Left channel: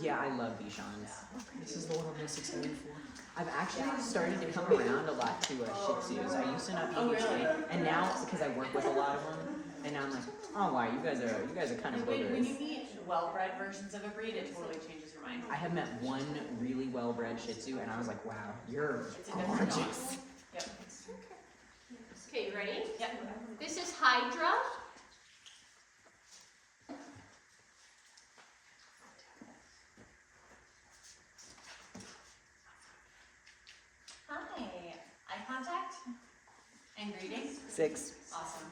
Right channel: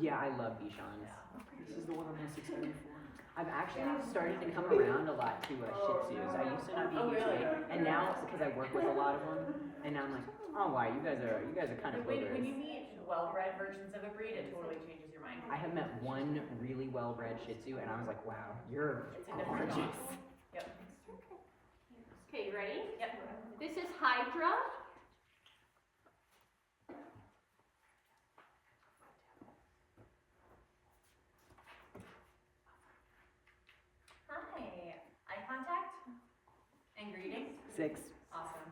Yeah, I love Bichons. This is the one I'm most excited for. I've actually started to come around a lot to Shih Tzus. I used to not be huge into it, and now because I work with a lot of them, and now I'm like, oh wow, you guys are kind of When you boogers. meet well-bred versions of a breed, it totally changes your mind. I have met one really well-bred Shih Tzu, and I was like, wow, you're gorgeous. Yep. Okay, ready? Yep. This is Hydra. Hi. Eye contact and greeting. 6. Awesome.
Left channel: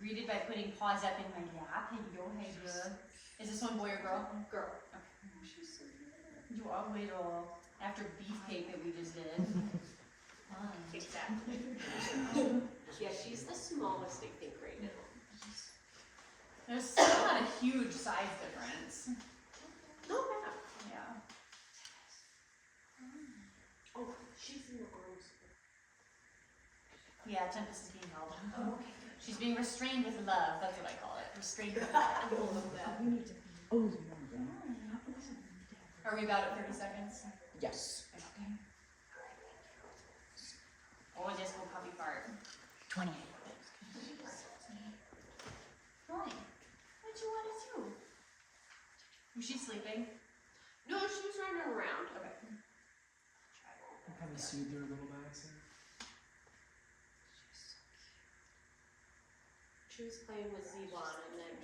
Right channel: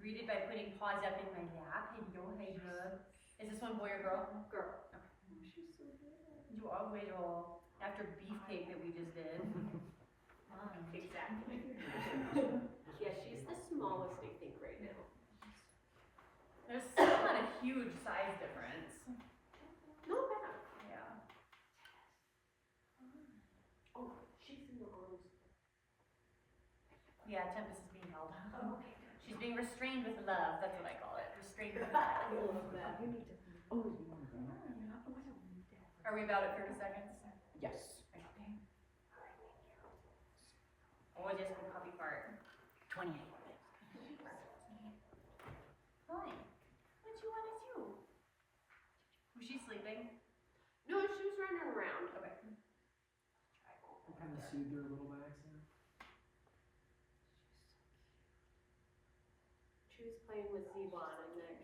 Greeted by putting paws up in my lap. Hello, Hydra. Is this one boy or girl? Girl. Okay. She's so good. You are little. After beefcake that we just did. Exactly. Yeah, she's the smallest I think right now. There's still not a huge size difference. No, Yeah. oh, she's in your arms. Yeah, Tempest is being held. Oh, okay. She's being restrained with love. That's what I call it. Restrained with love. I love that. Oh, Are we about at 30 seconds? yes. Oh, just go puppy part. 28. Molly, what you want to do? Was she sleeping? No, she was running around. Okay. I'll probably soothe her a little bit. So. She was playing with Zebon and then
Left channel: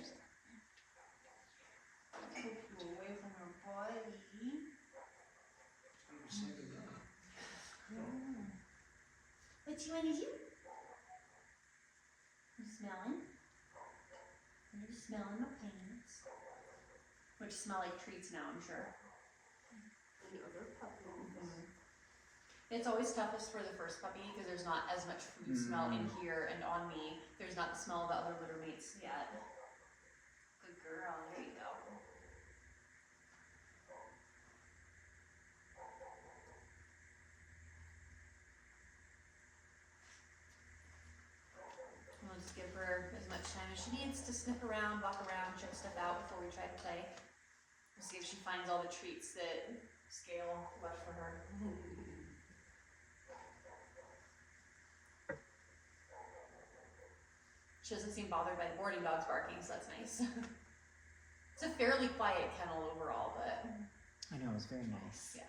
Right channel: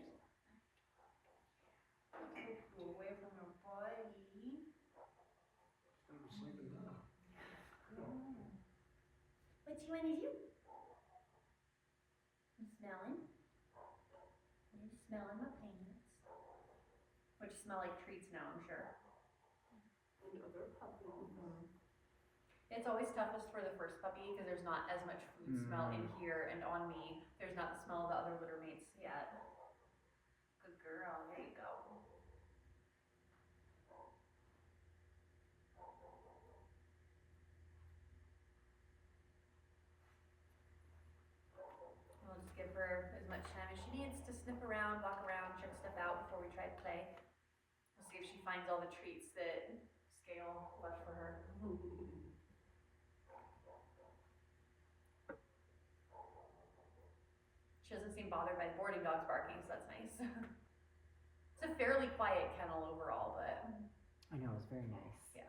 Go away from her body. I'm sick of that. What you want to do? You smelling? You're smelling my pants. Which smell like treats now, I'm sure. another puppy. It's always toughest for the first puppy because there's not as much food smell in here and on me. There's not the smell of the other litter mates yet. Good girl, there you go. We'll just give her as much time as she needs to sniff around, walk around, check stuff out before we try to play. We'll see if she finds all the treats that Scale left for her. She doesn't seem bothered by the boarding dogs barking, so that's nice. It's a fairly quiet kennel overall, but I know, it's very nice. yeah.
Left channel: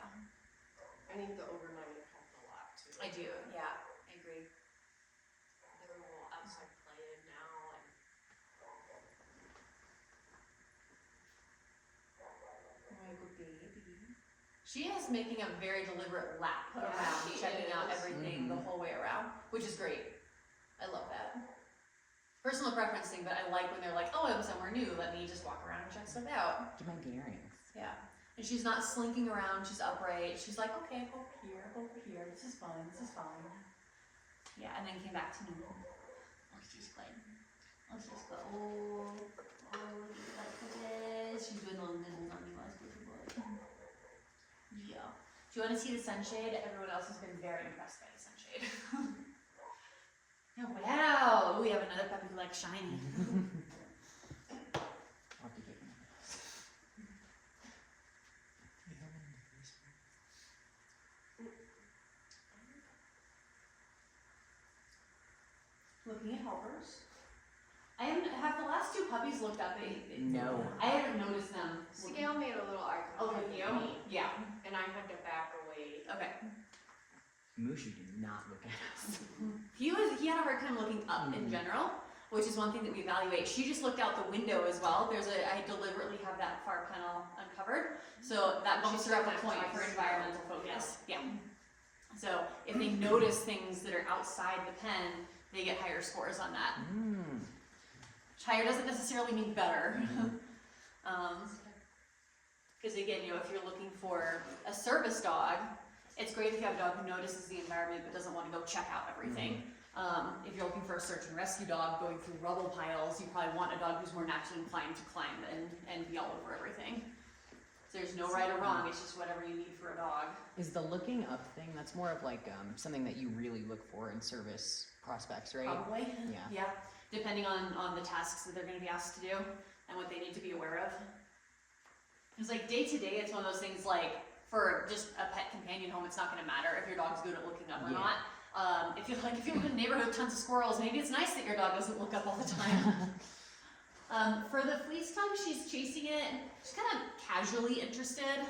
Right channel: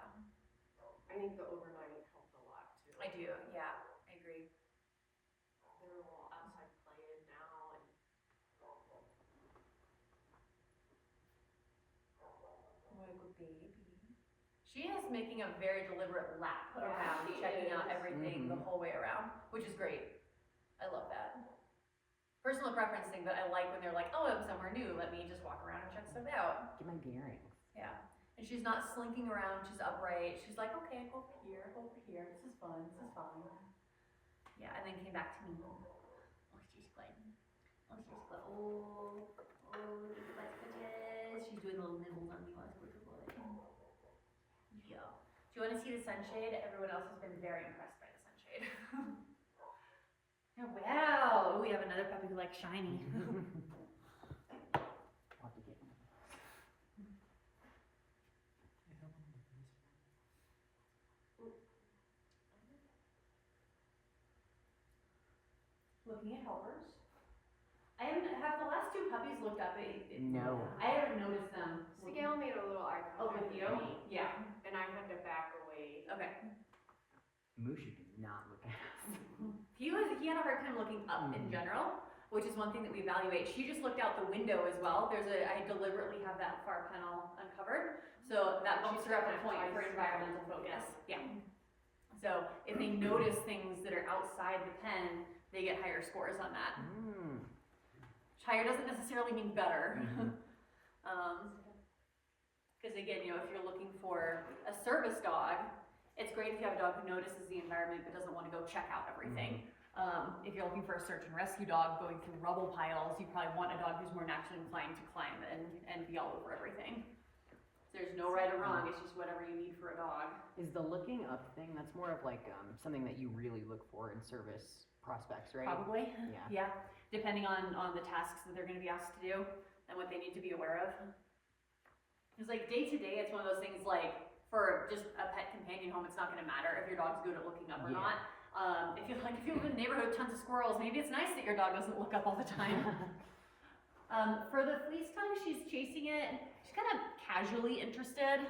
I think the overnight helped a lot too. I do, yeah, I agree. They're all outside playing now and Oh, good baby. She is making a very deliberate lap around, she checking out is. everything the whole way around, which is great. I love that. Personal preference thing, but I like when they're like, oh, I'm somewhere new, let me just walk around and check stuff out. Give my earrings. Yeah. And she's not slinking around, she's upright. She's like, okay, over here, this is fun, this is fine. Yeah, and then came back to me. Let's just play. Let's just go. Oh, yes. She's doing little nibbles on you, let's go to work. Yeah. Do you want to see the sunshade? Everyone else has been very impressed by the sunshade. Oh, wow. We have another puppy who likes shiny. I'll have to get one. Looking at helpers. I haven't, have the last two puppies looked up? No. I haven't noticed them. Scale made a little eye Oh, contact with you? with me, Yeah. and I had to back away. Okay. Mushu did not look at us. He had a hard time looking up in general, which is one thing that we evaluate. She just looked out the window as well. I deliberately have that far panel uncovered, so that she served a point for environmental focus. Yeah. So if they notice things that are outside the pen, they get higher scores on that. Which higher doesn't necessarily mean better. Because again, if you're looking for a service dog, it's great if you have a dog who notices the environment but doesn't want to go check out everything. If you're looking for a search and rescue dog going through rubble piles, you probably want a dog who's more naturally inclined to climb and be all over everything. So there's no right or wrong, it's just whatever you need for a dog. Is the looking up thing, that's more of like something that you really look for in service prospects, right? Probably. Yeah. Yeah. Depending on the tasks that they're going to be asked to do and what they need to be aware of. Because like day to day, it's one of those things like for just a pet companion home, it's not going to matter if your dog's good at looking up or not. If you live in a neighborhood with tons of squirrels, maybe it's nice that your dog doesn't look up all the time. For the fleece tongue, she's chasing it. She's kind of casually interested.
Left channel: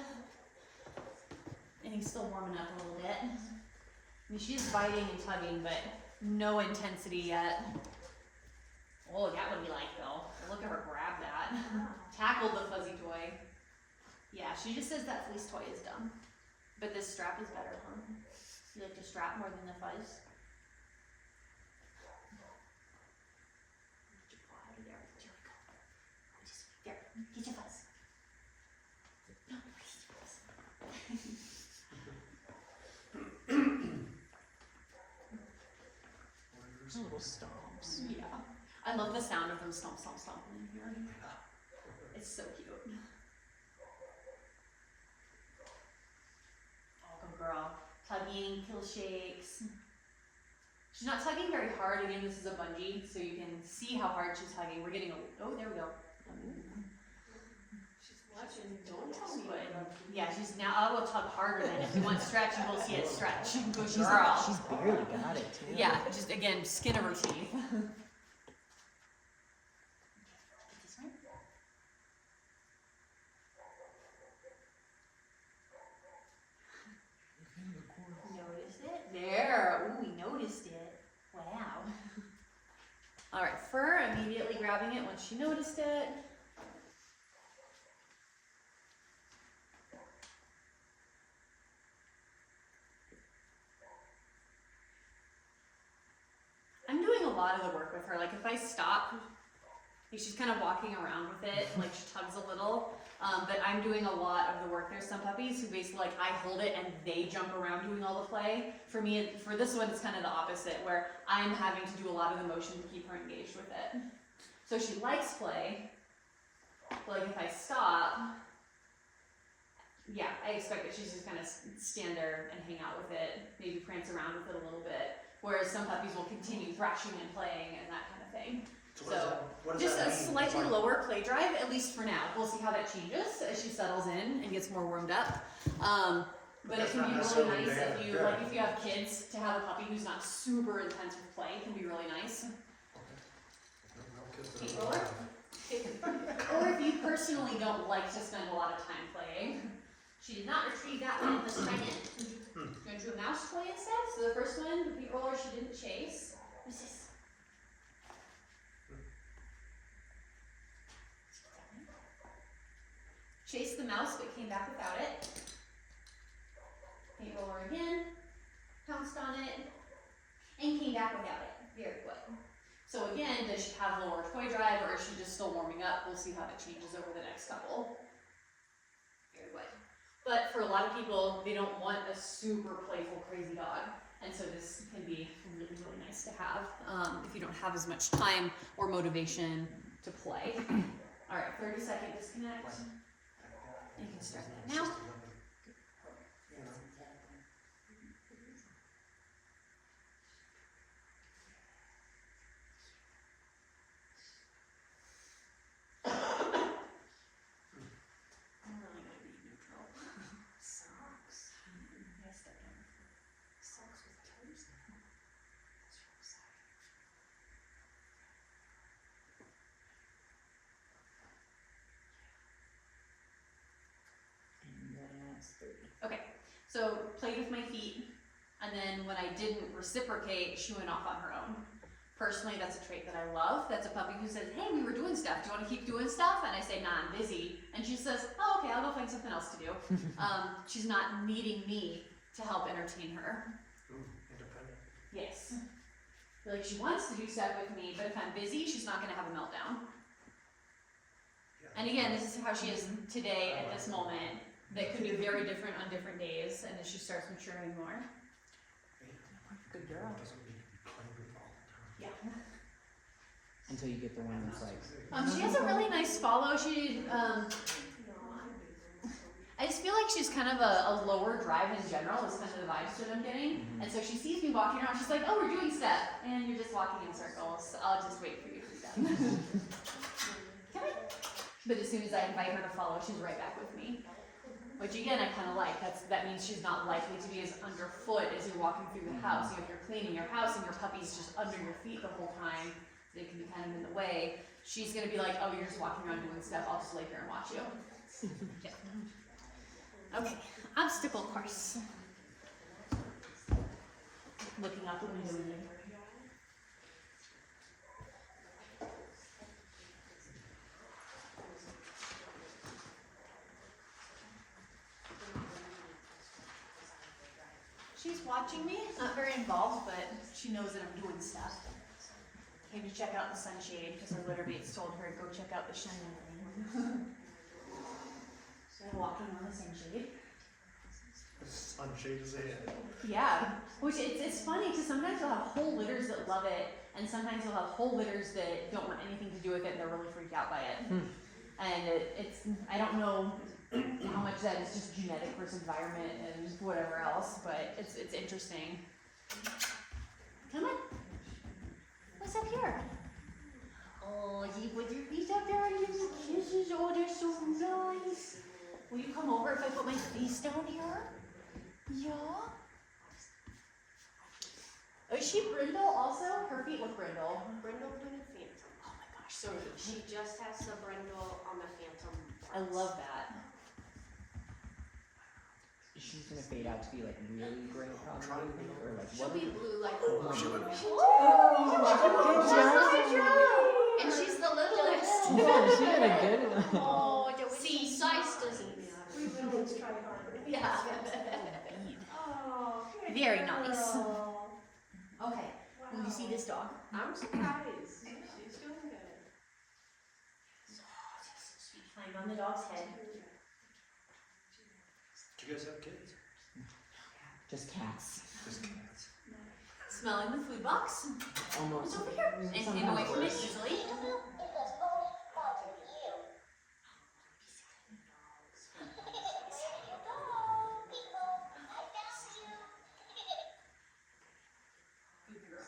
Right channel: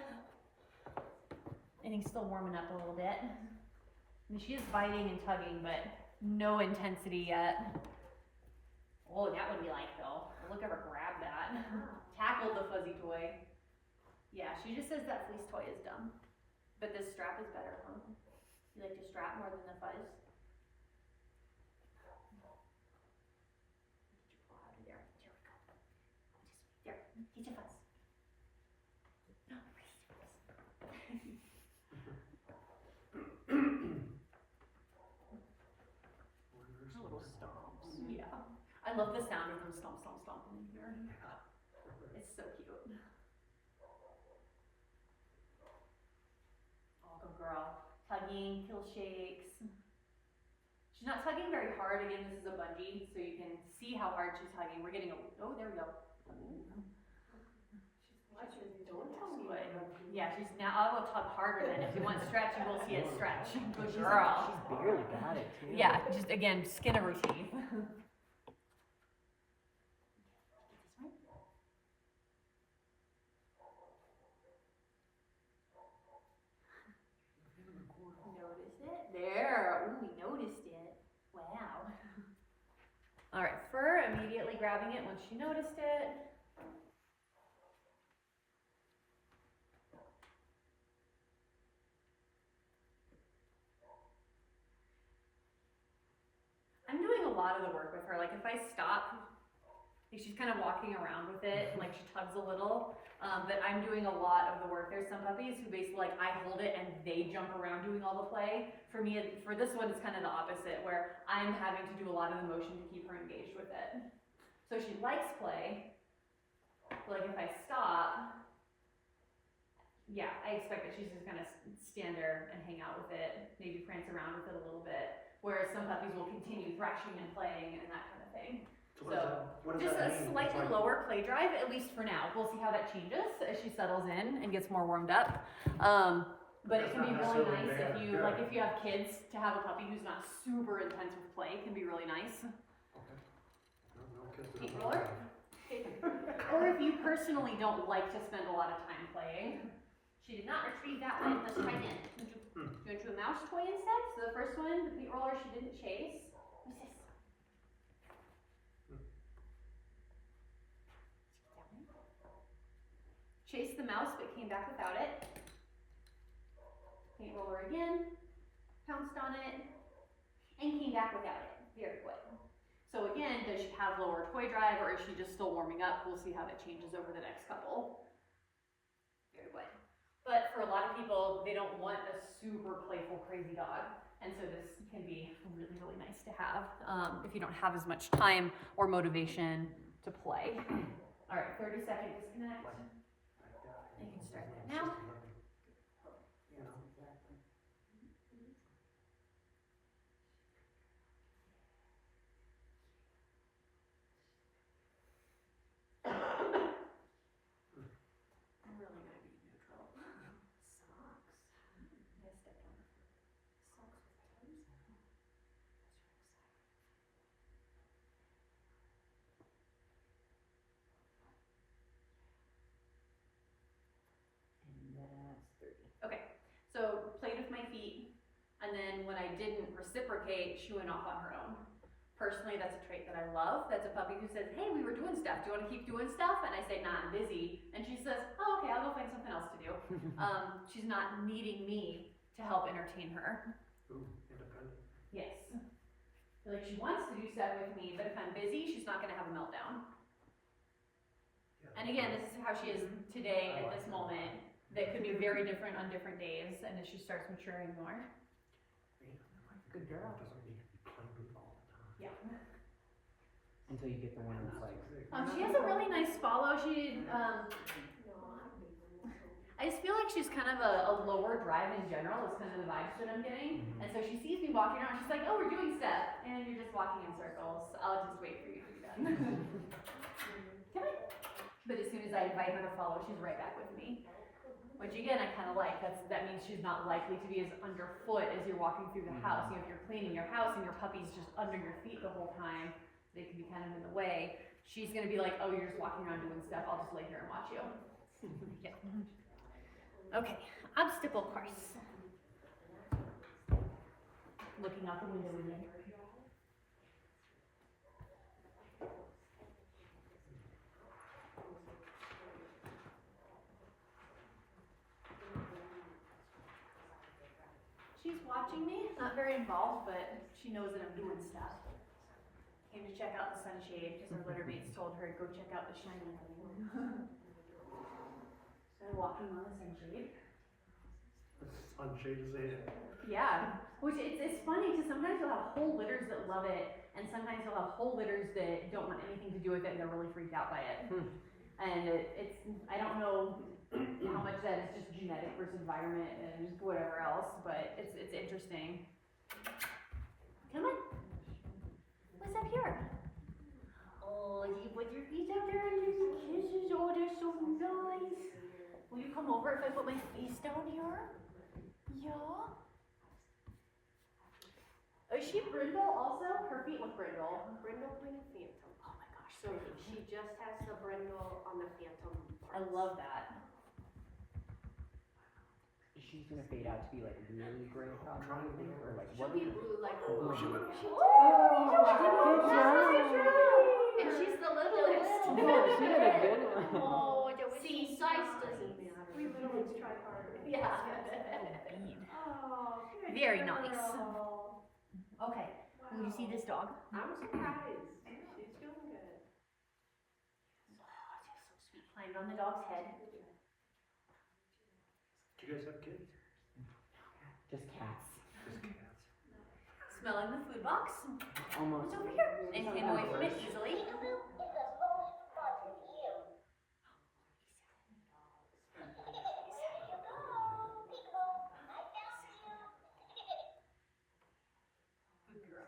And he's still warming up a little bit. I mean, she is biting and tugging, but no intensity yet. Oh, that would be like though. Look at her grab that. Tackle the fuzzy toy. Yeah, she just says that fleece toy is dumb. But this strap is better, huh? You like to strap more than the fuzz? There, get your fuzz. No, Little stomps. yeah. I love the sound of them stomp, stomp, stomping in here. It's so cute. Oh, good girl. Tugging, kill shakes. She's not tugging very hard. Again, this is a bungee, so you can see how hard she's tugging. We're getting a, oh, there we go. She's watching. Don't tell me. Yeah, she's now, I will tug harder than if you want stretch, you will see it stretch. Good She's girl. she's barely got it too. Yeah, just again, skin of her teeth. Notice it? There. Ooh, we noticed it. Wow. Alright, Fur immediately grabbing it once she noticed it. I'm doing a lot of the work with her. Like if I stop, like she's kind of walking around with it, like she tugs a little. But I'm doing a lot of the work. There's some puppies who basically like I hold it and they jump around doing all the play. For me, for this one, it's kind of the opposite, where I'm having to do a lot of the motion to keep her engaged with it. So she likes play. But like if I stop, yeah, I expect that she's just kind of stand there and hang out with it, maybe prance around with it a little bit. Whereas some puppies will continue thrashing and playing and that kind of thing. What does Just that a mean? slightly lower play drive, at least for now. We'll see how that changes as she settles in and gets more warmed up. But it can be really nice if you if you have kids to have a puppy who's not super intense with play. It can be really nice. Feet roller. Or if you personally don't like to spend a lot of time playing. She did not retrieve that one. Let's try again. Going to do a mouse toy instead. So the first one, the feet roller, she didn't chase. What's this? Chased the mouse, but came back without it. Paint roller again, pounced on it, and came back without it. Very good. So again, does she have lower toy drive, or is she just still warming up? We'll see how that changes over the next couple. Very good. But for a lot of people, they don't want a super playful, crazy dog. And so this can be really, really nice to have if you don't have as much time or motivation to play. All right, 30-second disconnect. You can start that now. I'm really gonna be neutral. Socks. I stepped on the floor. Socks with toes now. That's real sad. And that's 30. Okay, so played with my feet, and then when I didn't reciprocate, she went off on her own. Personally, that's a trait that I love. That's a puppy who says, hey, we were doing stuff. Do you want to keep doing stuff? And I say, nah, I'm busy. And she says, oh, okay, I'll go find something else to do. She's not needing me to help entertain her. Independent. Yes. Like she wants to do stuff with me, but if I'm busy, she's not going to have a meltdown. Yeah. And again, this is how she is today at this moment. That could be very different on different days, and as she starts maturing more. Good girl. Doesn't need to be playing all the time. Yeah. Until you get the one that's like, She has a really nice follow. She, I just feel like she's kind of a lower drive in general. Is kind of the vibes that I'm getting. And so she sees me walking around. She's like, "Oh, we're doing stuff," and you're just walking in circles. I'll just wait for you to be done. Come on. But as soon as I invite her to follow, she's right back with me. Which again, I kind of like. That means she's not likely to be as underfoot as you're walking through the house. You know, if you're cleaning your house and your puppy's just under your feet the whole time, they can be kind of in the way. She's gonna be like, oh, you're just walking around doing stuff. I'll just lay here and watch you. Yeah. Okay, obstacle course. Looking out the window in here. She's watching me, not very involved, but she knows that I'm doing stuff. Came to check out the sunshade because her litter mates told her to go check out the shining thing. So I'm walking on the sunshade. Sunshade is it. Yeah, which it's funny because sometimes you'll have whole litters that love it, and sometimes you'll have whole litters that don't want anything to do with it and they're really freaked out by it. And it's I don't know how much that is just genetic versus environment and whatever else, but it's interesting. Come on. What's up here? Oh, you put your feet up there and give you kisses. Oh, they're so nice. Will you come over if I put my face down here? Yeah. Is she brindle also? Her feet look brindle. Brindle doing a phantom. Oh my gosh, so She just has the brindle on the phantom. I love that. She's gonna fade out to be like really gray, probably, or like She'll what? be blue like the Oh, she would. Good job. And she's the littlest. Yeah, she did a good. Oh, see, size doesn't matter. We little try harder. Yeah. Oh, good Very girl. nice. Okay, will you see this dog? I'm surprised. She's doing good. Oh, that's so sweet. Climb on the dog's head. Do you guys have kids? Just cats. Just cats. Smelling the food box. Oh no, It's it's over here. And stand away from it easily. Good girl.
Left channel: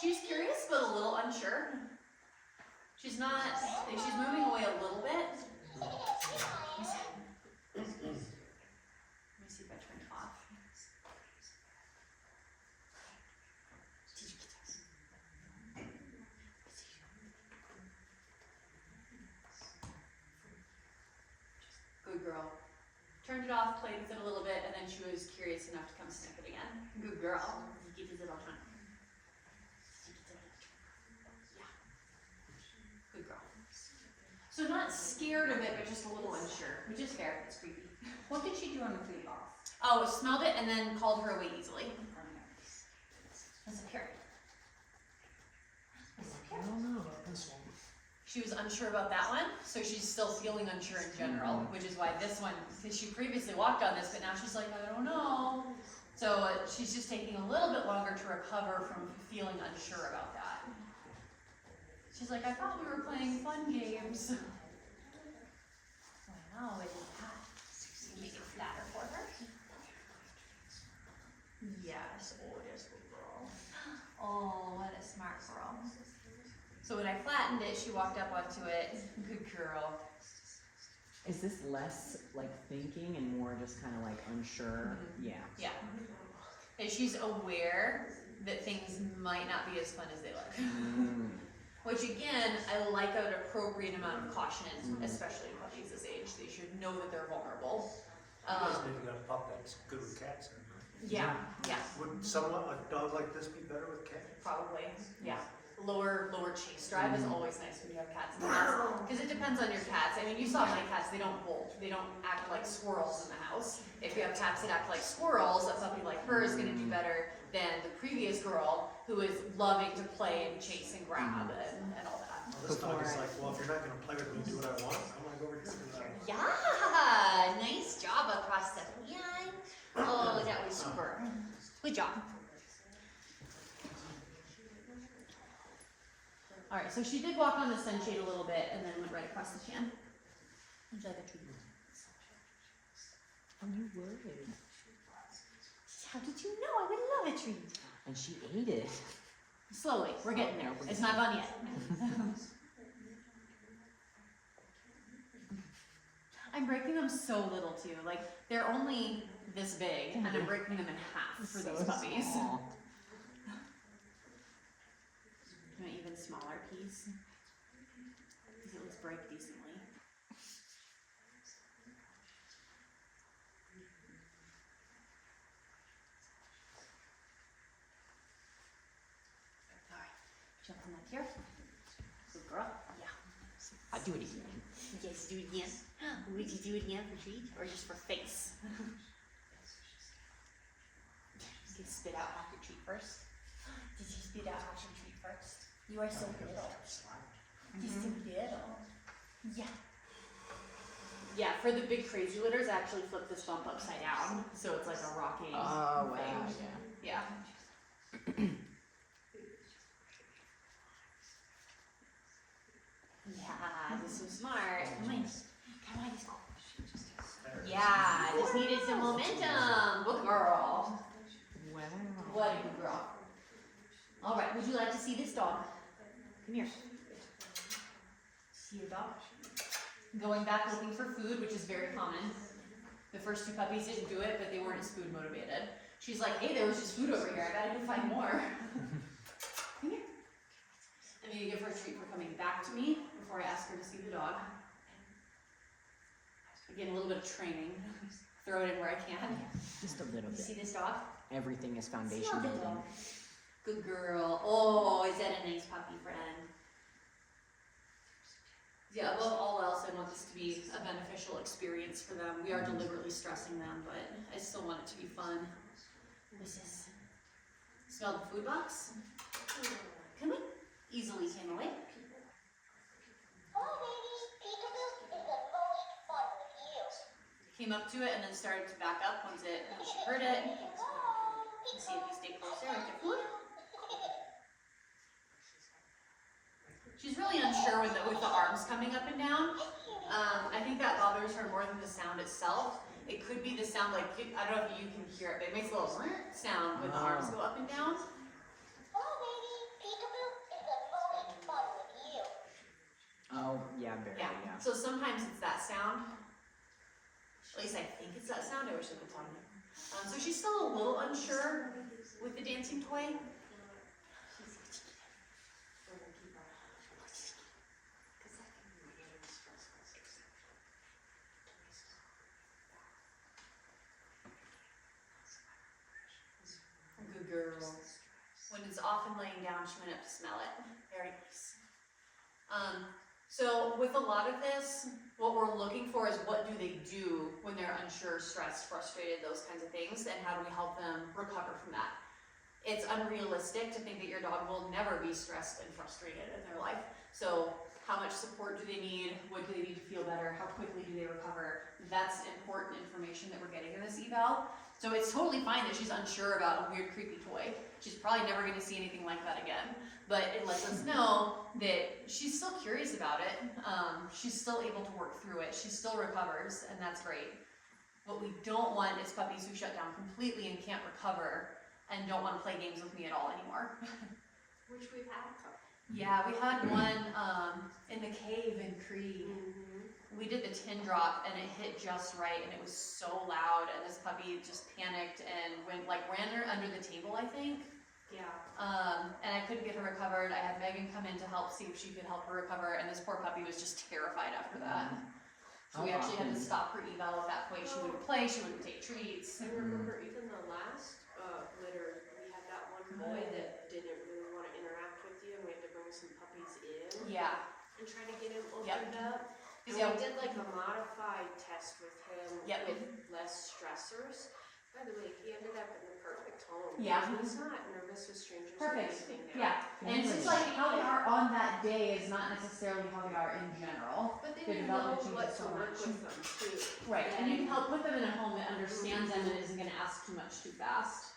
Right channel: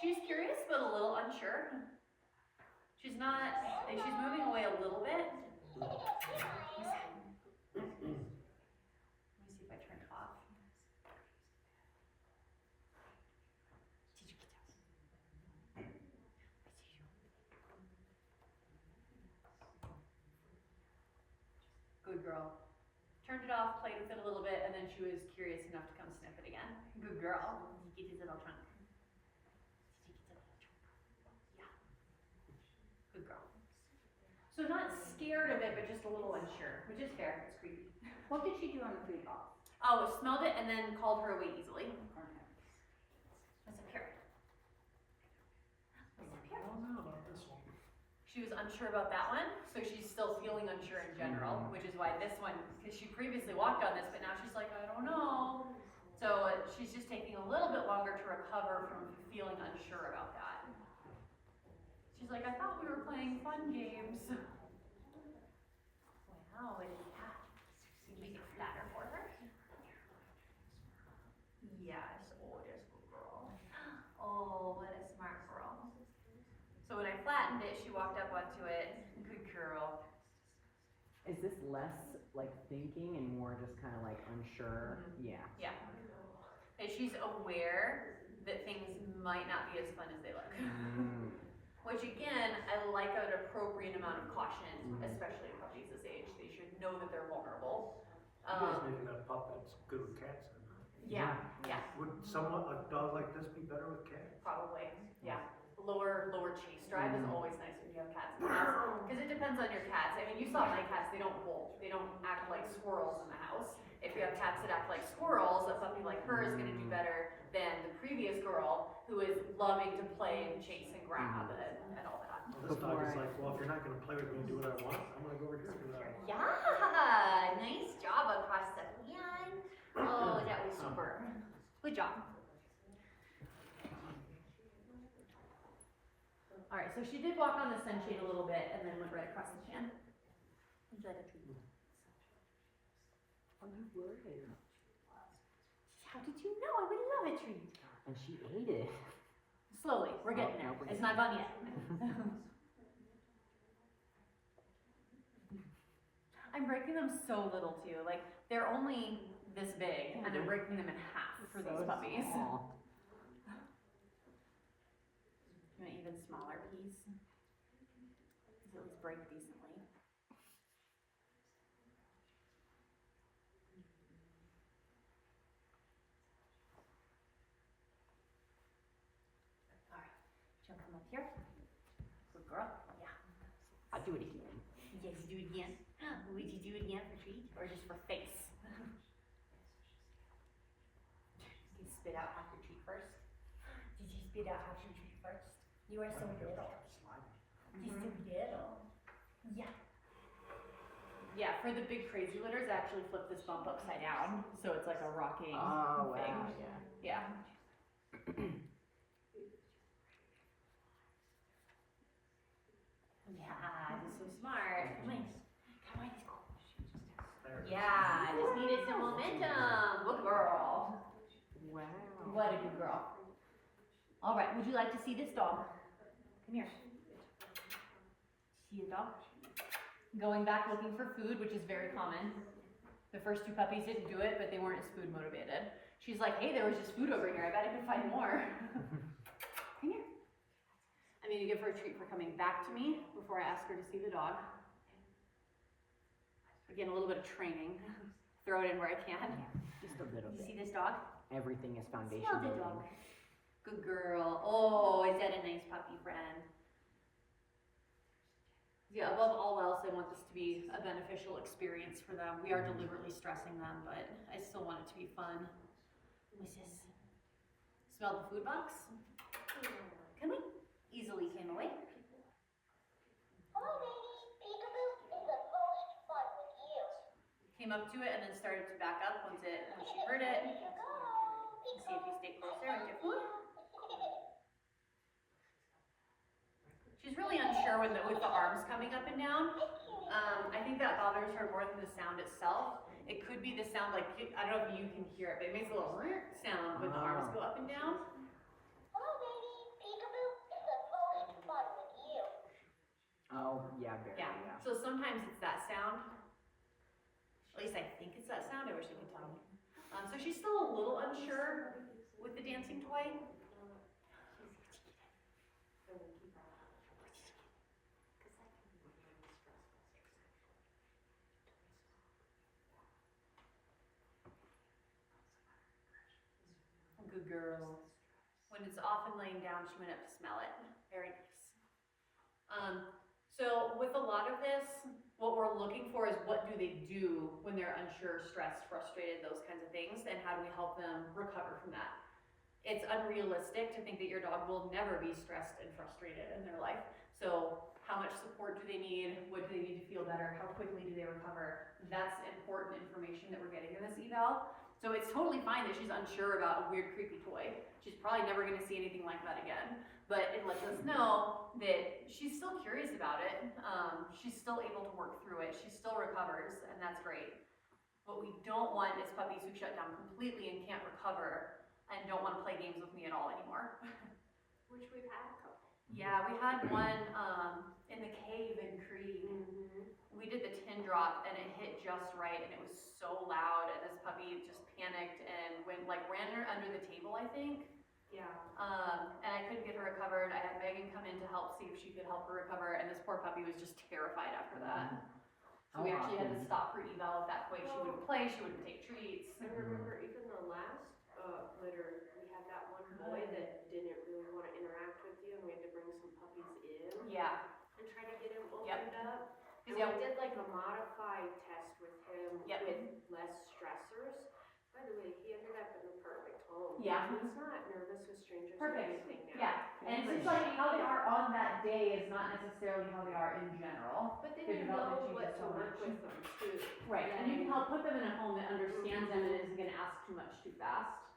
She's curious but a little unsure. She's not, she's moving away a little bit. Let me see if I turn it off. Good girl. Turned it off, played with it a little bit, and then she was curious enough to come sniff it again. Good girl. Give his little tongue. Yeah. Good girl. So not scared of it, but just a little unsure. Which is fair. It's creepy. What did she do on the food box? Oh, smelled it and then called her away easily. What's up here? What's up I here? don't know about this one. She was unsure about that one, so she's still feeling unsure in general, which is why this one, because she previously walked on this, but now she's like, I don't know. So she's just taking a little bit longer to recover from feeling unsure about that. She's like, I thought we were playing fun games. Wow, it's hot. Make it flatter for her. Yes, oh, there's a good girl. Oh, what a smart girl. So when I flattened it, she walked up onto it. Good girl. Is this less like thinking and more just kind of like unsure? Yeah. Yeah. And she's aware that things might not be as fun as they look. Which again, I like an appropriate amount of caution, especially in puppies this age. They should know that they're vulnerable. You guys maybe got a pup that's good with cats. Yeah, yeah, Would someone, a dog like this be better with cats? probably. Yeah. Lower chase drive is always nice when you have cats in the house. Because it depends on your cats. I mean, you saw my cats, they don't bolt. They don't act like squirrels in the house. If you have cats that act like squirrels, a puppy like her is going to do better than the previous girl who is loving to play and chase and grab and all that. Well, this dog is like, well, if you're not gonna play with me, do what I want, I'm gonna go over here and do that. Yeah, nice job across the pan. Oh, that was super. Good job. All right, so she did walk on the sunshade a little bit and then went right across the pan. Would you like a treat? Oh, you would. How did you know? I would love a treat. And she ate it. Slowly, we're getting there. It's not gone yet. I'm breaking them so little too. Like they're only this big, and I'm breaking them in half for these puppies. Small. An even smaller piece. These at least break decently. Alright, jump on that here. Good girl. Yeah. I'll do it again. Yes, do it again. Would you do it again for treat? Or just for face? You can spit out half your treat first. Did you spit out half your treat first? You are so little. You're so little. Yeah. Yeah, for the big crazy litters, I actually flip this bump upside down. So it's like a rocking Oh, thing. yeah. Yeah. Yeah, this is smart. Come on. Come on, let's go. Yeah, just needed some momentum. Good girl. Wow. What a good girl. All right, would you like to see this dog? Come here. See your dog? Going back looking for food, which is very common. The first two puppies didn't do it, but they weren't as food motivated. She's like, hey, there was just food over here. I gotta go find more. Come here. I'm gonna give her a treat for coming back to me before I ask her to see the dog. Again, a little bit of training. Throw it in where I can. Just a little You bit. see this dog? Everything is foundation Smell the building. dog. Good girl. Oh, is that a nice puppy friend? Yeah, above all else, I want this to be a beneficial experience for them. We are deliberately stressing them, but I still want it to be fun. What's this? Smell the food box? Come on. Easily came away. Hello, baby. Peekaboo is the most fun with you. Came up to it and then started to back up once she heard it. Let's see if you stay closer and get food. She's really unsure with the arms coming up and down. I think that bothers her more than the sound itself. It could be the sound, like, I don't know if you can hear it, but it makes a little sound when the arms go up and down. Hello, baby. Peekaboo is the most fun with you. Oh, yeah, barely. Yeah. So sometimes it's that sound. At least I think it's that sound. I wish I could tell you. So she's still a little unsure with the dancing toy. Good girl. When it's off and laying down, she went up to smell it. Very nice. So with a lot of this, what we're looking for is what do they do when they're unsure, stressed, frustrated, those kinds of things, and how do we help them recover from that? It's unrealistic to think that your dog will never be stressed and frustrated in their life. So how much support do they need? What do they need to feel better? How quickly do they recover? That's important information that we're getting in this eval. So it's totally fine that she's unsure about a weird, creepy toy. She's probably never going to see anything like that again. But it lets us know that she's still curious about it. She's still able to work through it. She still recovers, and that's great. What we don't want is puppies who shut down completely and can't recover and don't want to play games with me at all anymore. Which we've had. Yeah, we had one in the cave in Crete. We did the tin drop and it hit just right and it was so loud and this puppy just panicked and ran under the table, I think. Yeah. And I couldn't get her recovered. I had Megan come in to help see if she could help her recover, and this poor puppy was just terrified after that. So we actually had to stop her eval at that point. She wouldn't play, she wouldn't take treats. I remember even the last litter, we had that one boy that didn't really want to interact with you, and we had to bring some puppies in. Yeah. And try to get him opened Yep. up. And Yeah. we did like a modified test with him Yep. with less stressors. By the way, he ended up in the perfect home. Yeah. He's not nervous with strangers or Perfect. anything now. Yeah. And it's like how they are on that day is not necessarily how they are in general. But then They're you know developing what just to so work much. with them too. Right, and you can help put them in a home that understands them and isn't going to ask too much too fast.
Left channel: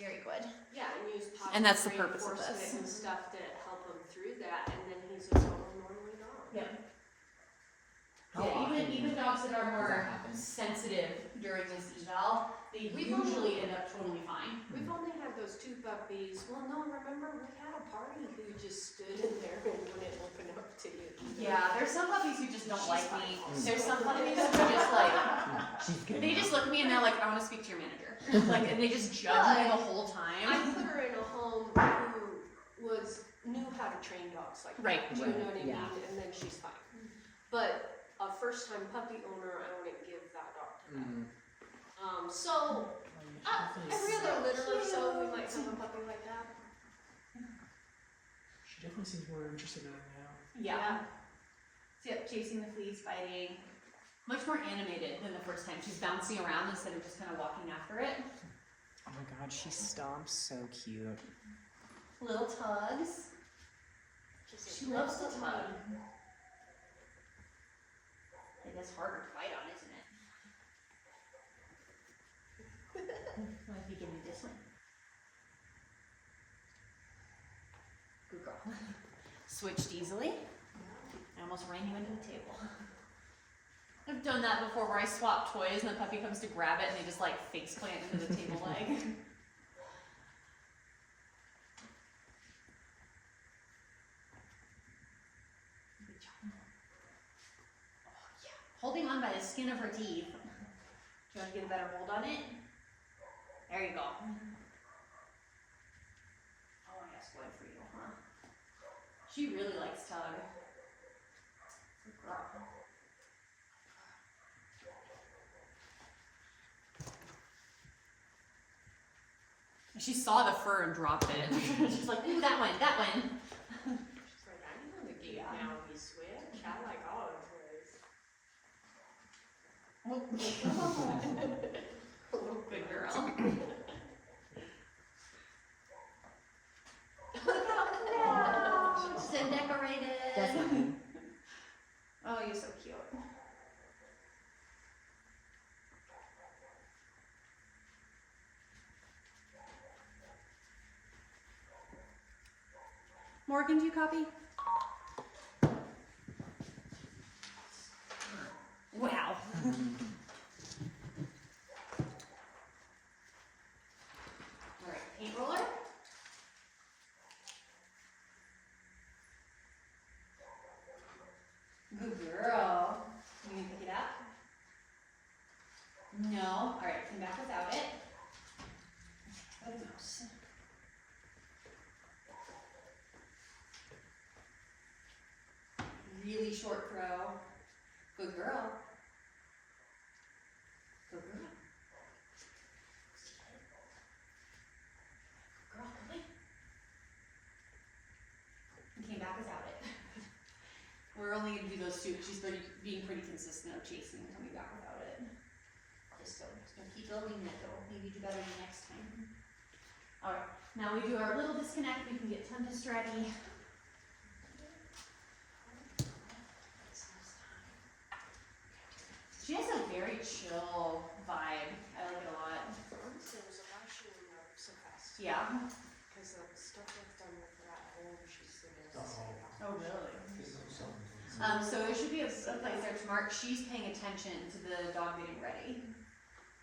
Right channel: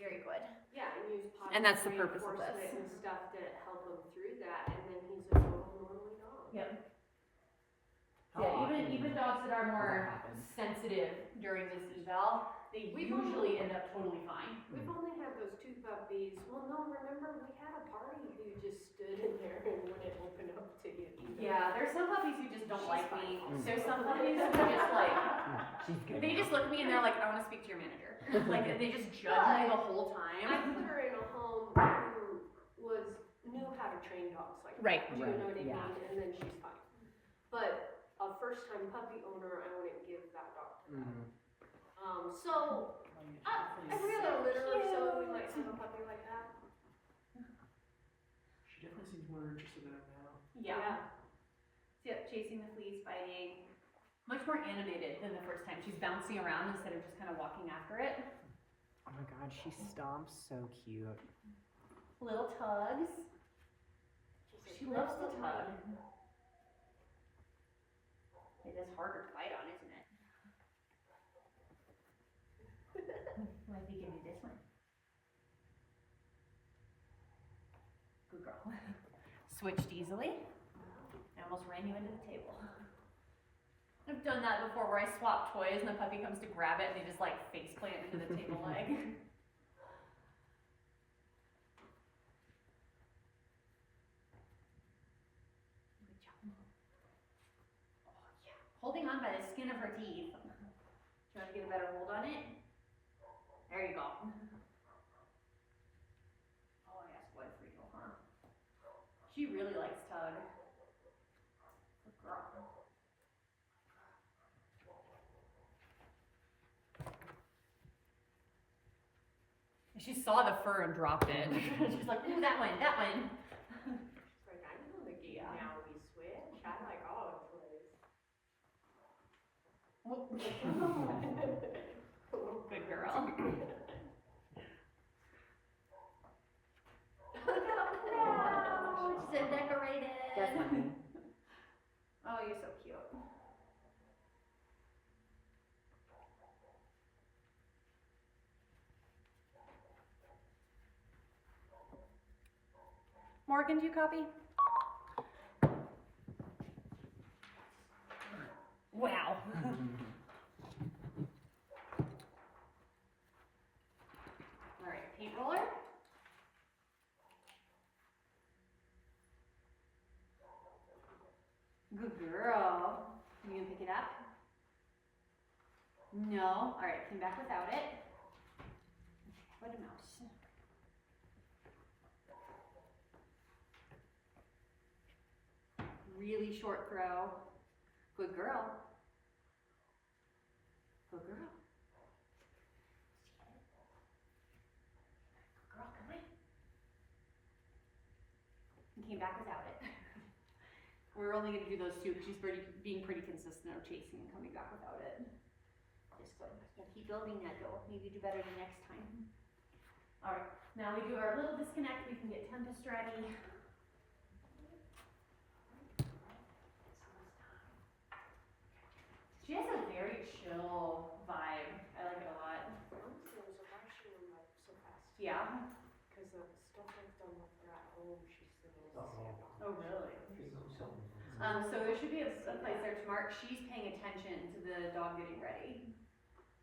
Very good. Yeah, and use positive And that's the purpose of reinforcement this. and stuff that help him through that, and then he's just normally gone. Yep. How Yeah, often even dogs that are does more that happen? sensitive during this eval, they We've usually end up totally fine. We've only had those 2 puppies. Well, no, remember we had a party who just stood in there and wouldn't open up to you. Yeah, there's some puppies who just don't She's like fine. me. There's some puppies who are just like, She's good. they just look at me and they're like, I want to speak to your manager. Like, and they just judge me the whole I time. put her in a home who knew how to train dogs. Like, Right. do you know what I mean? Yeah. And then she's fine. But a first-time puppy owner, I wouldn't give that dog to them. So every other litter or so, we might have a puppy like that. She definitely seems more interested in it now. Yeah. So, yep, chasing the fleas, biting. Much more animated than the first time. She's bouncing around instead of just kind of walking after it. Oh my god, she stomps so cute. Little tugs. She loves to tug. It is harder to bite on, isn't it? Might be giving this one. Good girl. Switched easily. I almost ran you into the table. I've done that before where I swap toys and the puppy comes to grab it and they just like face plant into the table leg. Good job. Oh yeah. Holding on by the skin of her teeth. Do you want to get a better hold on it? There you go. Oh yes, good for you, huh? She really likes tug. Good girl. She saw the fur and dropped it. She's like, ooh, that one, that one. She's like, I know the game Yeah. now, we switch. I like all of toys. Good girl. Wow, so decorated. Definitely. Oh, you're so cute. Morgan, do you copy? Wow. All right, paint roller. Good girl. You gonna pick it up? No. All right, come back without it. What a mouse. Really short throw. Good girl. Good girl. Good girl, come in. And came back without it. We're only gonna do those two. She's being pretty consistent of chasing and coming back without it. Just good. Don't keep building that though. Maybe do better the next time. All right. Now we do our little disconnect. We can get Tempest ready. She has a very chill vibe. I like it a lot. There was a ration in so fast. Yeah. Because the stuff I've done with her at home, she's the most. Oh, really? So there should be a place there to mark. She's paying attention to the dog getting ready.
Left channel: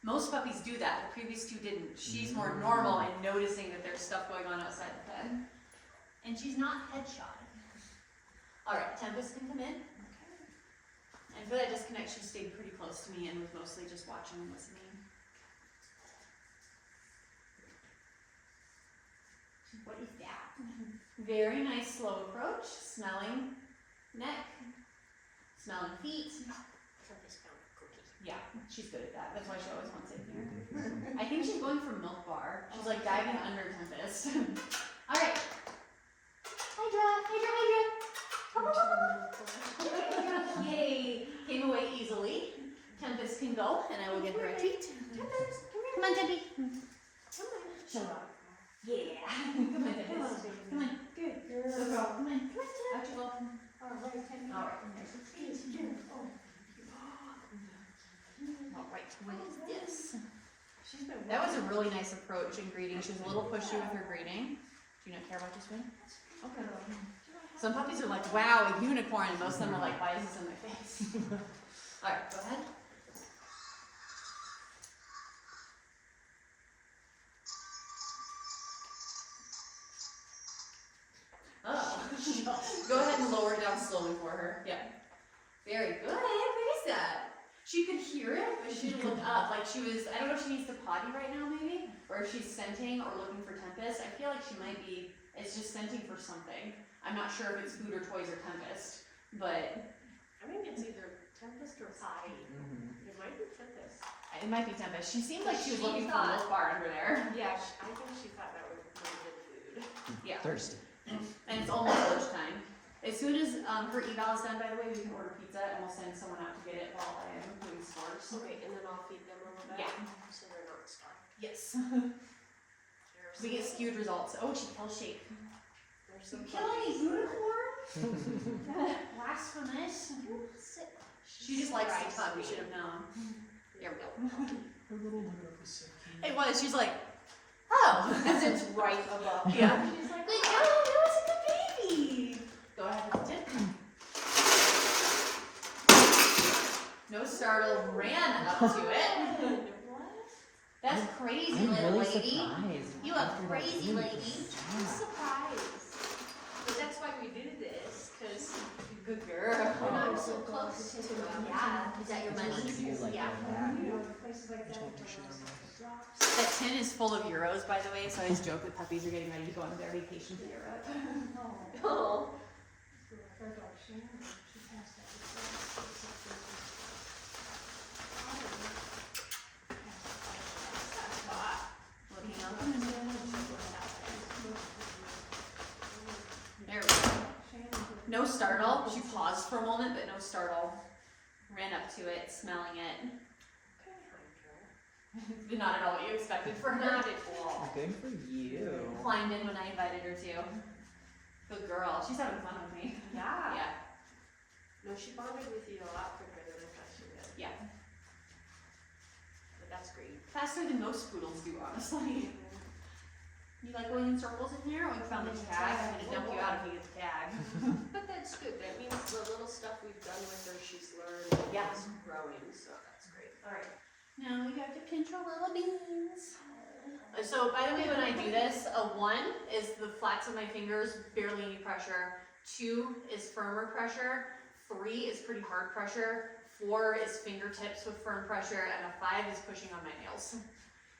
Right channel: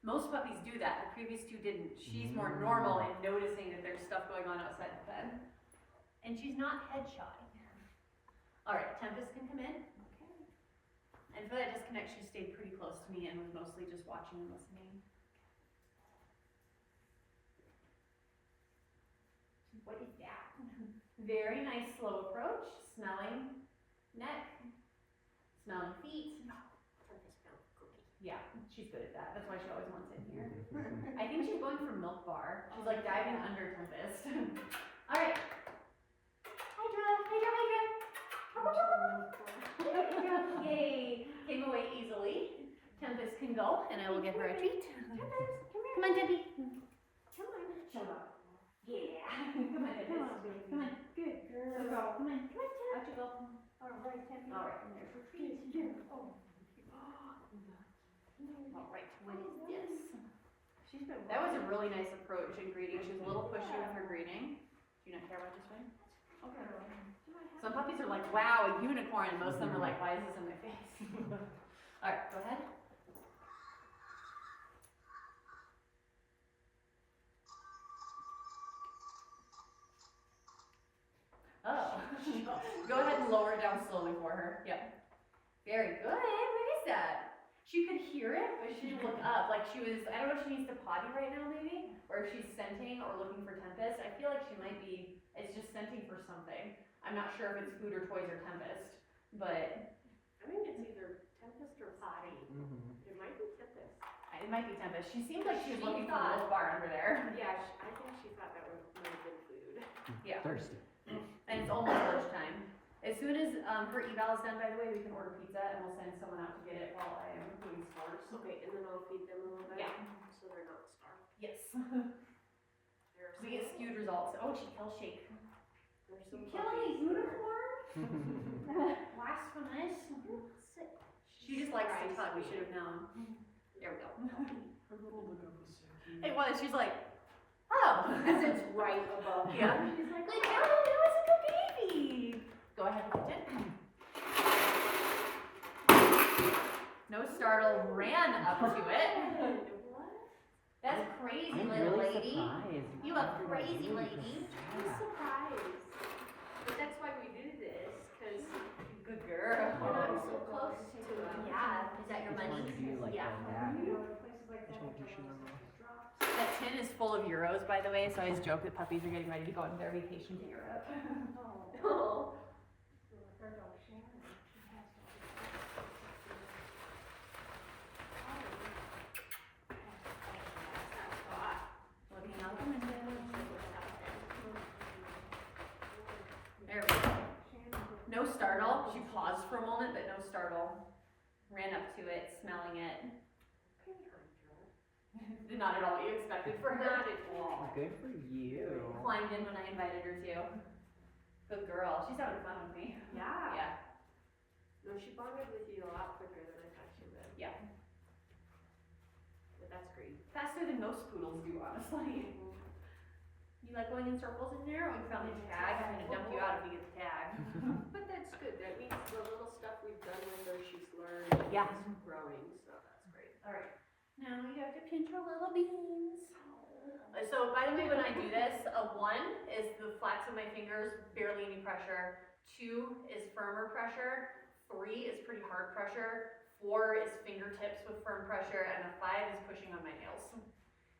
Most puppies do that. The previous two didn't. She's more normal and noticing that there's stuff going on outside the pen. And she's not headshot. All right, Tempest can come in. And for that disconnect, she stayed pretty close to me and was mostly just watching and listening. What is that? Very nice slow approach, smelling neck, smelling feet. Tempest found a cookie. Yeah, she's good at that. That's why she always wants in here. I think she's going for milk bar. She's like diving under Tempest. All right. Hydra, Hydra, Hydra. Yay! Came away easily. Tempest can go, and I will get her a treat. Come on, Tempy. Show up. Yeah. Come on, Tempest. Come on. Good girl. Come on. Out you go. All right, Tempy. All right. There's your treat. All right. What is this? That was a really nice approach in greeting. She was a little pushy with her greeting. Do you not care about this one? Okay. Some puppies are like, wow, a unicorn, and most of them are like, why is this in my face? All right, go ahead. down slowly for her. Yep. Very good. What is that? She could hear it, but she didn't look up. Like she was, I don't know if she needs to potty right now maybe, or if she's scenting or looking for Tempest. I feel like she might be, it's just scenting for something. I'm not sure if it's food or toys or Tempest, but I think it's either Tempest or potty. It might be Tempest. it might be Tempest. She seemed like she was She looking for a thought- milk bar under there. Yeah, I think she thought that would be good food. Yeah. Thirsty. And it's almost lunchtime. As soon as her eval is done, by the way, we can order pizza and we'll send someone out to get it while I am doing sports. Okay, and then I'll feed them a little bit. Yeah. So they're not starved. Yes. They're We get skewed results. Oh, she kills Shake. They're so Killing a unicorn? Blasphemous. She just likes to tug, we should have known. There we go. Her little lip was so cute. It was, she's like, oh. Because it's right above. Yeah. She's like, oh, that was a good baby. Go ahead with it. No startle, ran up to it. That's crazy, I'm little really lady. surprised. You a crazy lady. I'm surprised. But that's why we do this, because Good girl. I'm so close to them. Yeah, is that your It's hard money? to do like Yeah. that. That tin is full of euros, by the way, so I always joke that puppies are getting ready to go on their vacation to Europe. Oh. Looking up. There we go. No startle. She paused for a moment, but no startle. Ran up to it, smelling it. Not at all what you expected for her. Not at all. Good for you. Climbed in when I invited her to. Good girl. She's having fun with me. Yeah. Yeah. No, she bonded with you a lot quicker than I thought she would. Yeah. But that's great. Faster than most poodles do, honestly. You like going in circles in there? We found the tag. I'm gonna dump you out if you get the tag. But that's good. That means the little stuff we've done with her, she's learned. Yeah. It's growing, so that's great. Alright. Now we have to pinch her little beans. So by the way, when I do this, a 1 is the flats of my fingers, barely any pressure. 2 is firmer pressure. 3 is pretty hard pressure. 4 is fingertips with firm pressure, and a 5 is pushing on my nails.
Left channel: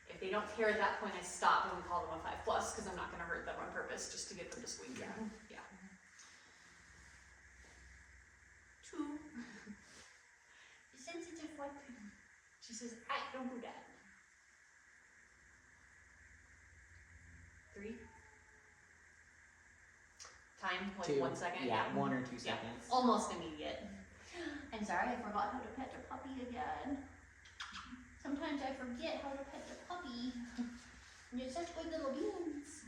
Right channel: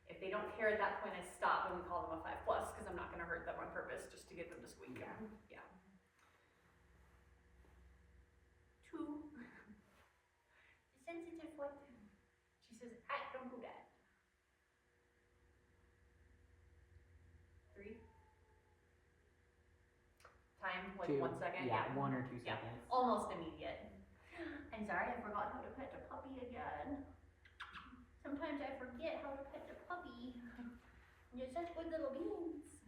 If they don't care at that point, I stop and we call them a 5+, because I'm not going to hurt them on purpose just to get them to squeak. Yeah. Yeah. 2. Sensitive one. She says, don't do that. 3. Time, like 2. 1 second. Yeah, 1 or 2 Yeah. seconds. Almost immediate. I'm sorry, I forgot how to pet the puppy again. Sometimes I forget how to pet the puppy. You're such good little beans.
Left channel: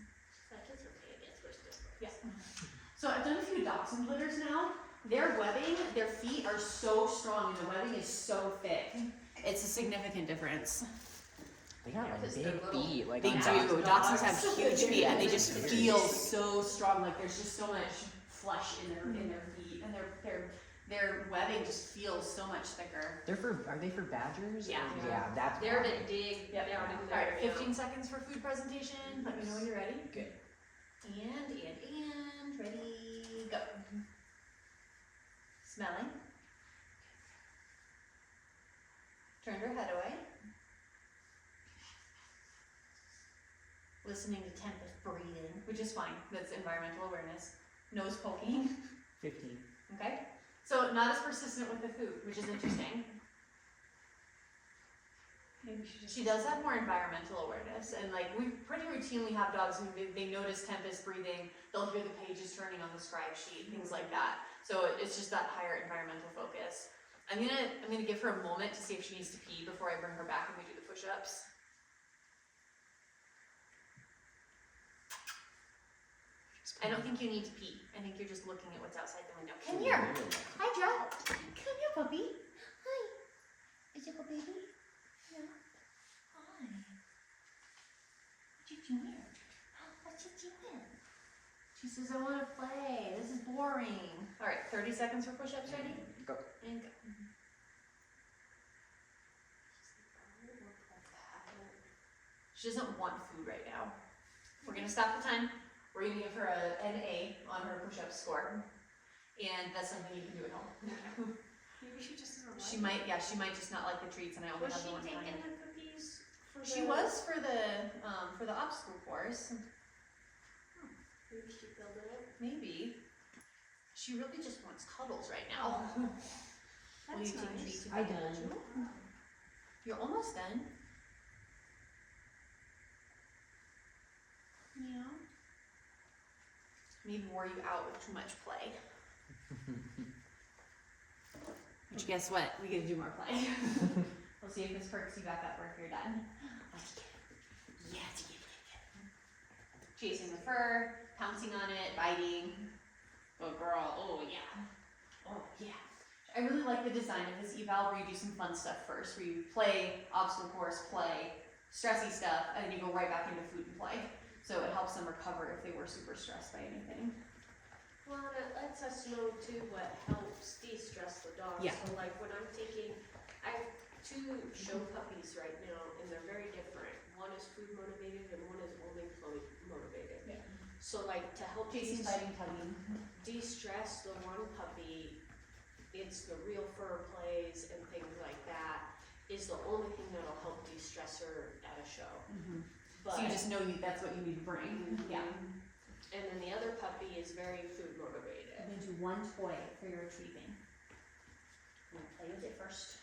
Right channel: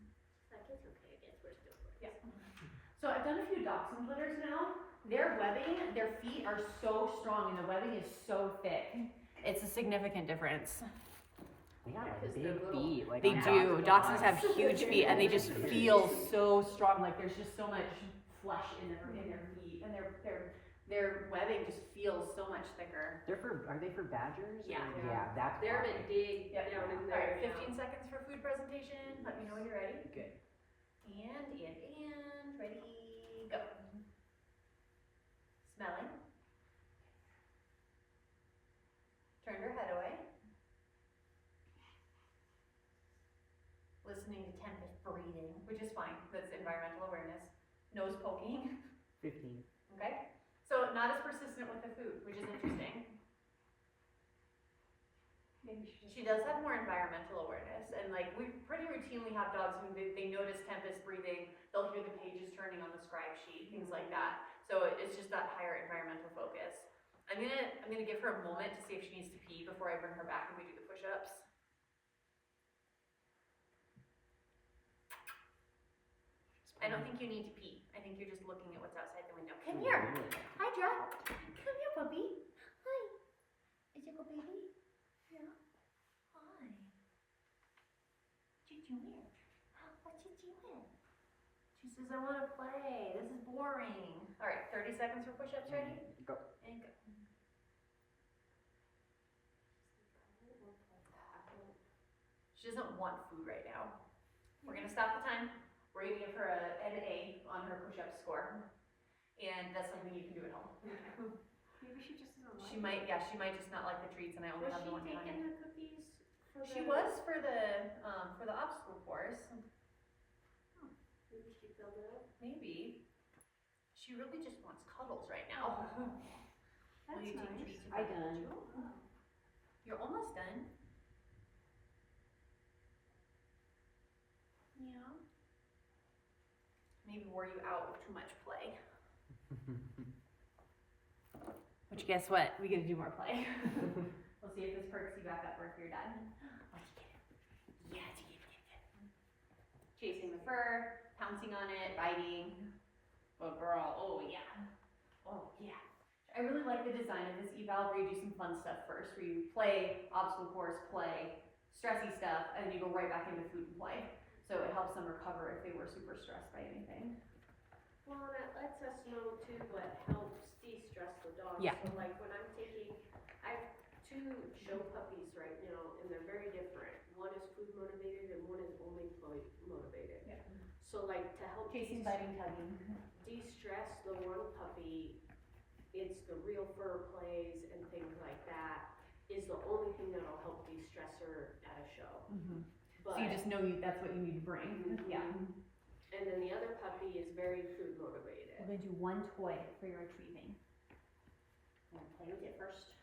That is okay. I guess we're still. Yeah. So I've done a few dachshund litters now. Their webbing, their feet are so strong and the webbing is so thick. It's a significant difference. They got like Because they're big little. feet. Like They on do. dogs. Dachshunds have huge feet and they just feel so strong. Like there's just so much flesh in their feet, and their webbing just feels so much thicker. Are they for badgers? Yeah. Or- Yeah, that's They're why. to dig Yep. down in All there. right, 15 seconds for food presentation. Let me know when you're ready. Good. And ready, go. Smelling. Turned her head away. Listening to Tempest breathing, which is fine. That's environmental awareness. Nose poking. 15. Okay? So not as persistent with the food, which is interesting. She does have more environmental awareness, and like we pretty routinely have dogs who they notice Tempest breathing, they'll hear the pages turning on the scribe sheet, things like that. So it's just that higher environmental focus. I'm gonna give her a moment to see if she needs to pee before I bring her back and we do the push-ups. I don't think you need to pee. I think you're just looking at what's outside the window. Come here. Hydra. Come here, puppy. Hi. Is it a baby? Yeah. Hi. What you doing? What you doing? She says, I want to play. This is boring. All right, 30 seconds for push-ups. Ready? Go. And go. She doesn't want food right now. We're gonna stop the time. We're gonna give her an A on her push-up score. and that's something you can do at home. Maybe she just doesn't She might just not like the treats, and I only Was have she the one taking time. the cookies for She was for the obstacle course. Maybe she filled it up. Maybe. She really just wants cuddles right now. Will you take treats if I I done. told you? You're almost done. Yeah. Maybe wore you out with too much play. Which guess what? We get to do more play. We'll see if this perks you back up or if you're done. Yes. Chasing the fur, pouncing on it, biting. Oh girl, oh yeah. Oh yeah. I really like the design of this eval where you do some fun stuff first, where you play, obstacle course, play, stressy stuff, and then you go right back into food and play. So it helps them recover if they were super stressed by anything. Well, and it lets us know too what helps de-stress the dog. Yeah. So like when I'm taking, I have 2 show puppies right now, and they're very different. One is food motivated and one is only play motivated. Yeah. So like to help Chasing, biting, tugging. de-stress the one puppy, it's the real fur plays and things like that is the only thing that'll help de-stress her at a show. Mm-hmm. But, So you just know that's what you need to bring. Mhm. Yeah. and then the other puppy is very food motivated. And then do one toy for your retrieving. I'm gonna play with it first.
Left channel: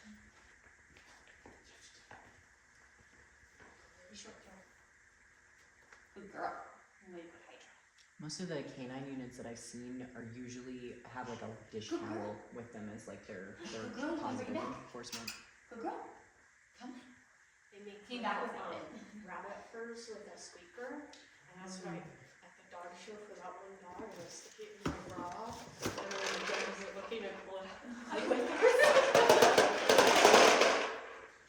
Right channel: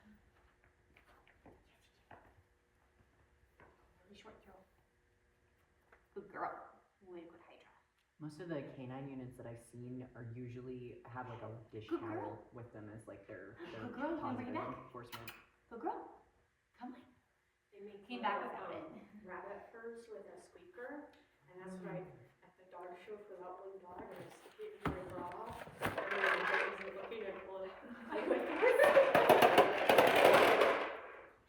Really short tail. Good girl. Way to put Hydra. Most of the canine units that I've seen are usually have like a dish Good girl. towel with them as like their Good girl, you positive bring it back. reinforcement. Good girl. Come on. They make Came back without it. rabbit furs with a squeaker, and that's why at the dog show for that one dog, I was sticking it in my bra, and then the dogs were looking at one.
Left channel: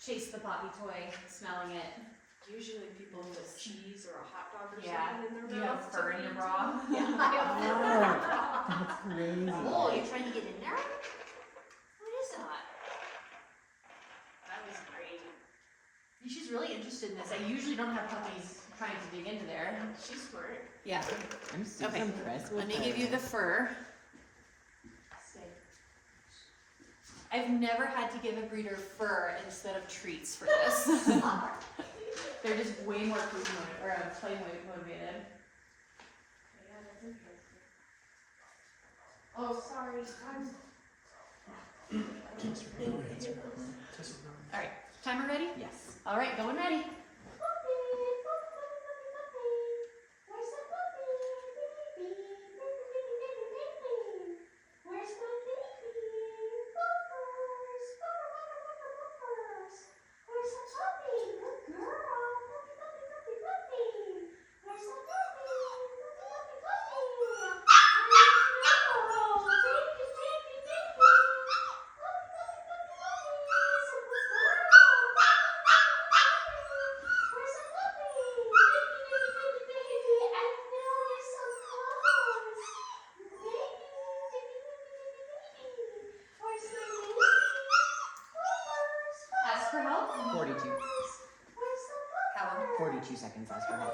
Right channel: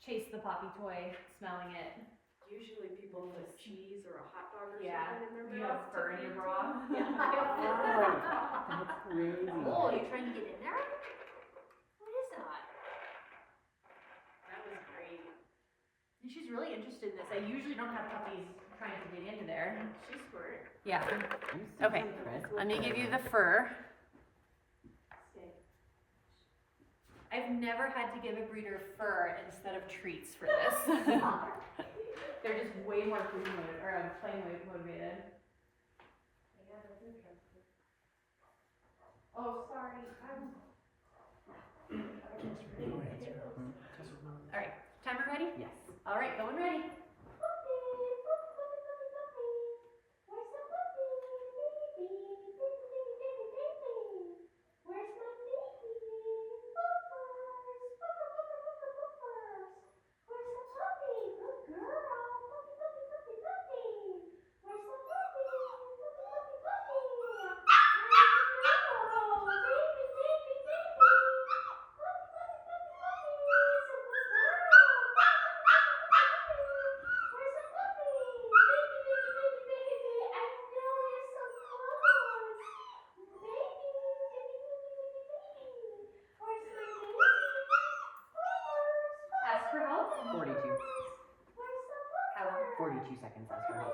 Chase the poppy toy, smelling it. Usually people put cheese or a hot dog or Yeah. something in their Do you have mouth. fur in your bra? Yeah, I have fur in my bra. That's crazy. Oh, you're trying to get in there? What is that? That was crazy. She's really interested in this. I usually don't have puppies trying to dig into there. She's smart. Yeah. I'm so Okay. impressed with Let me her. give you the fur. I've never had to give a breeder fur instead of treats for this. They're just way more food motivated, or play motivated. Oh, sorry. All right, timer ready? Yes. All right, going ready. Ask for help. 42. How long? 42 seconds last for help.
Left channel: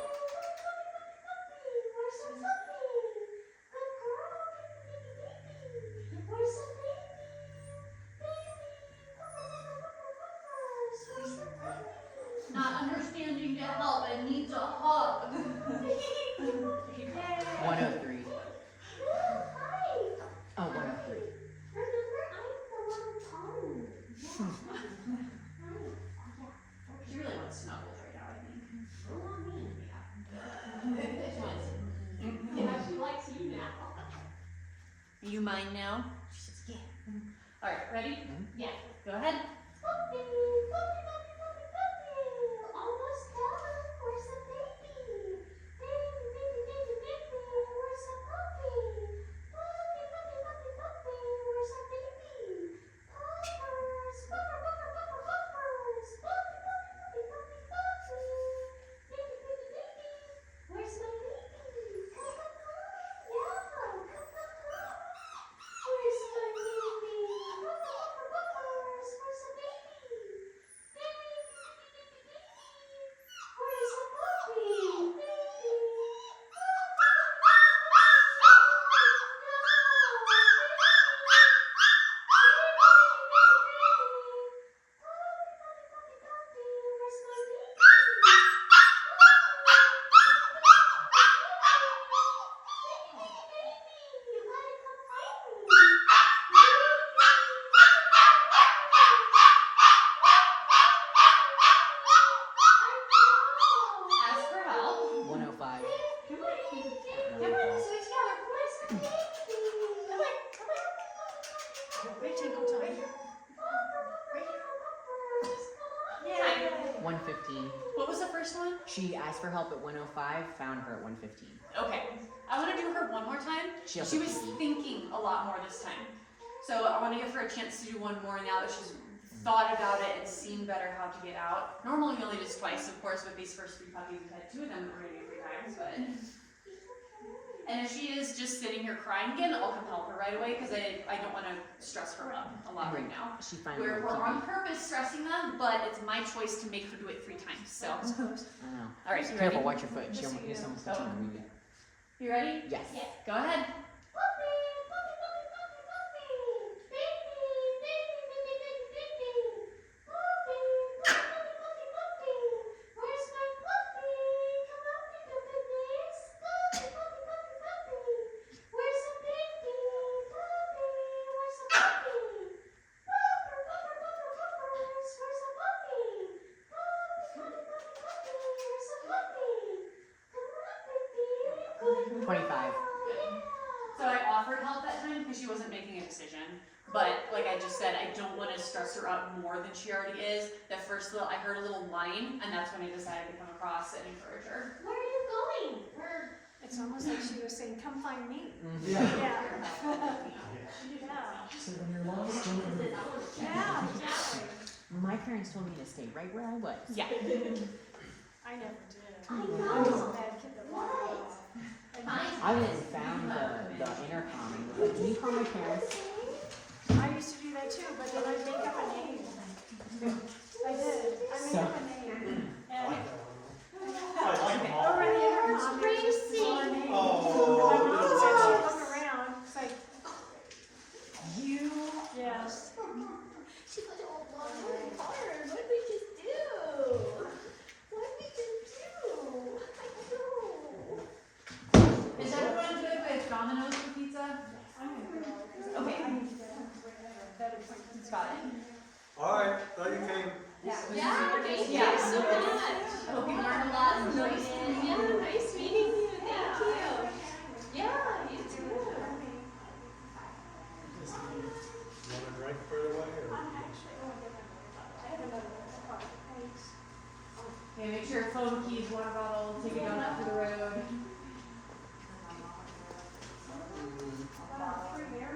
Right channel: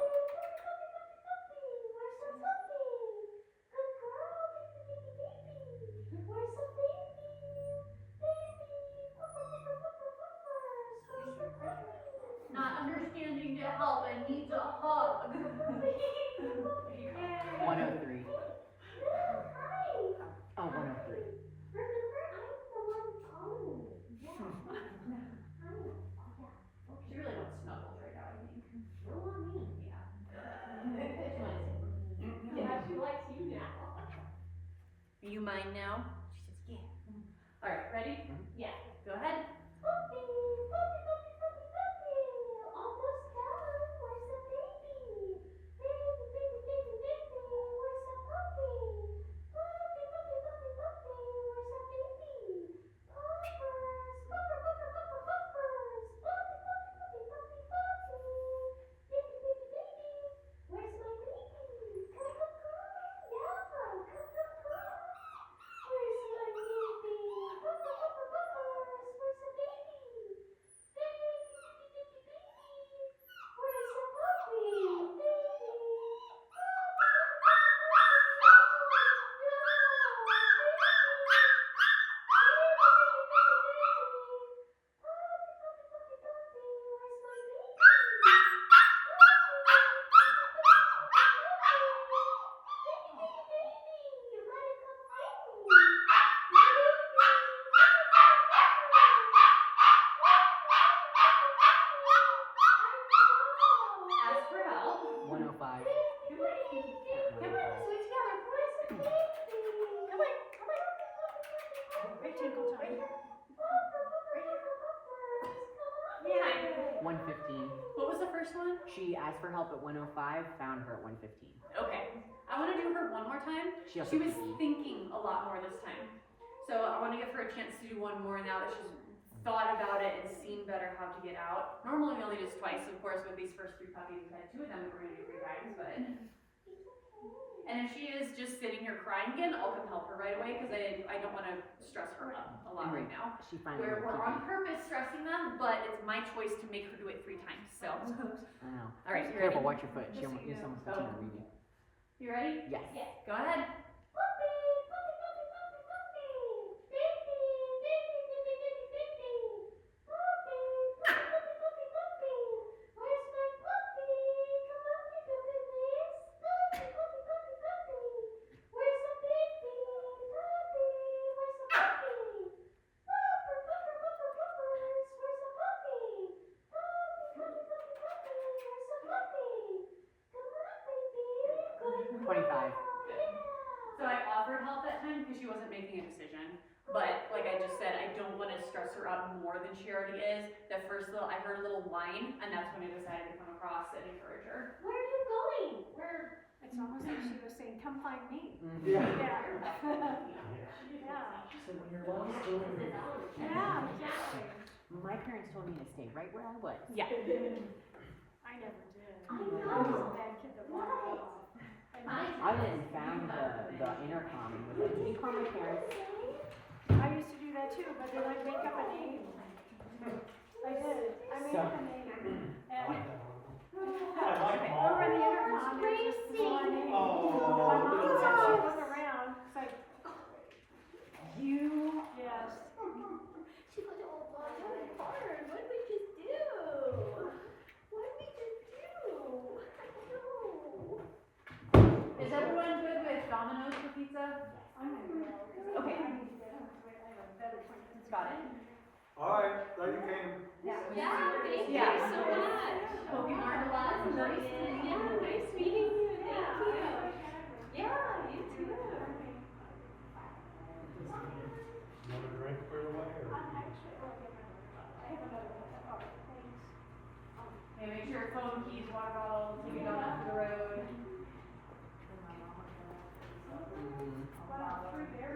Not understanding to help and needs a hug. 103. Oh, 103. She really wants snuggles right now, I think. Yeah, she likes you now. You mine now? She says, yeah. Alright, ready? Yeah. Go ahead. She asked for help at 105, found her at 115. Okay. I want to do her one more time. She She was thinking a lot more this time. So I want to give her a chance to do one more now that she's thought about it and seen better how to get out. Normally we only do twice, of course, with these first 3 puppies. We've had 2 of them that we're going to do 3 times, but... And if she is just sitting here crying again, I'll come help her right away because I don't want to stress her up a lot right now. She finally We're on purpose stressing them, but it's my choice to make her do it 3 times, so... I know. Alright, you Careful, ready? watch your foot. She almost almost Oh. touched me. You ready? Yes. Go ahead. So I offered help that time because she wasn't making a decision. But like I just said, I don't want to stress her out more than she already is. That first little, I heard a little whine, and that's when I decided to come across and encourage her. Where are you going? It's almost like she was saying, "Come find me." Yeah. Yeah. Seven-year long, still never did. Yeah. Exactly. My parents told me to stay right where I was. Yeah. I never did. I know. I was a bad kid. What? I went and found the intercom and was like, can you call my parents? I used to do that too, but then I'd make up a name. I did. I made up a name. And I like them all. over the intercom, they just saw my name. Oh. My mom said she'd come around. It's like, you, yes. She put it all blown in her heart. What did we just do? What did we just do? I know. Is everyone good with Domino's for pizza? Okay. Got it. All right, glad you came. Yeah, thank you Yeah. so much. I hope you learned a lot. Nice, yeah, nice meeting you. Thank you. Yeah, you too. Just you want to drink further away or? Okay, make sure your phone, keys, water bottle, take a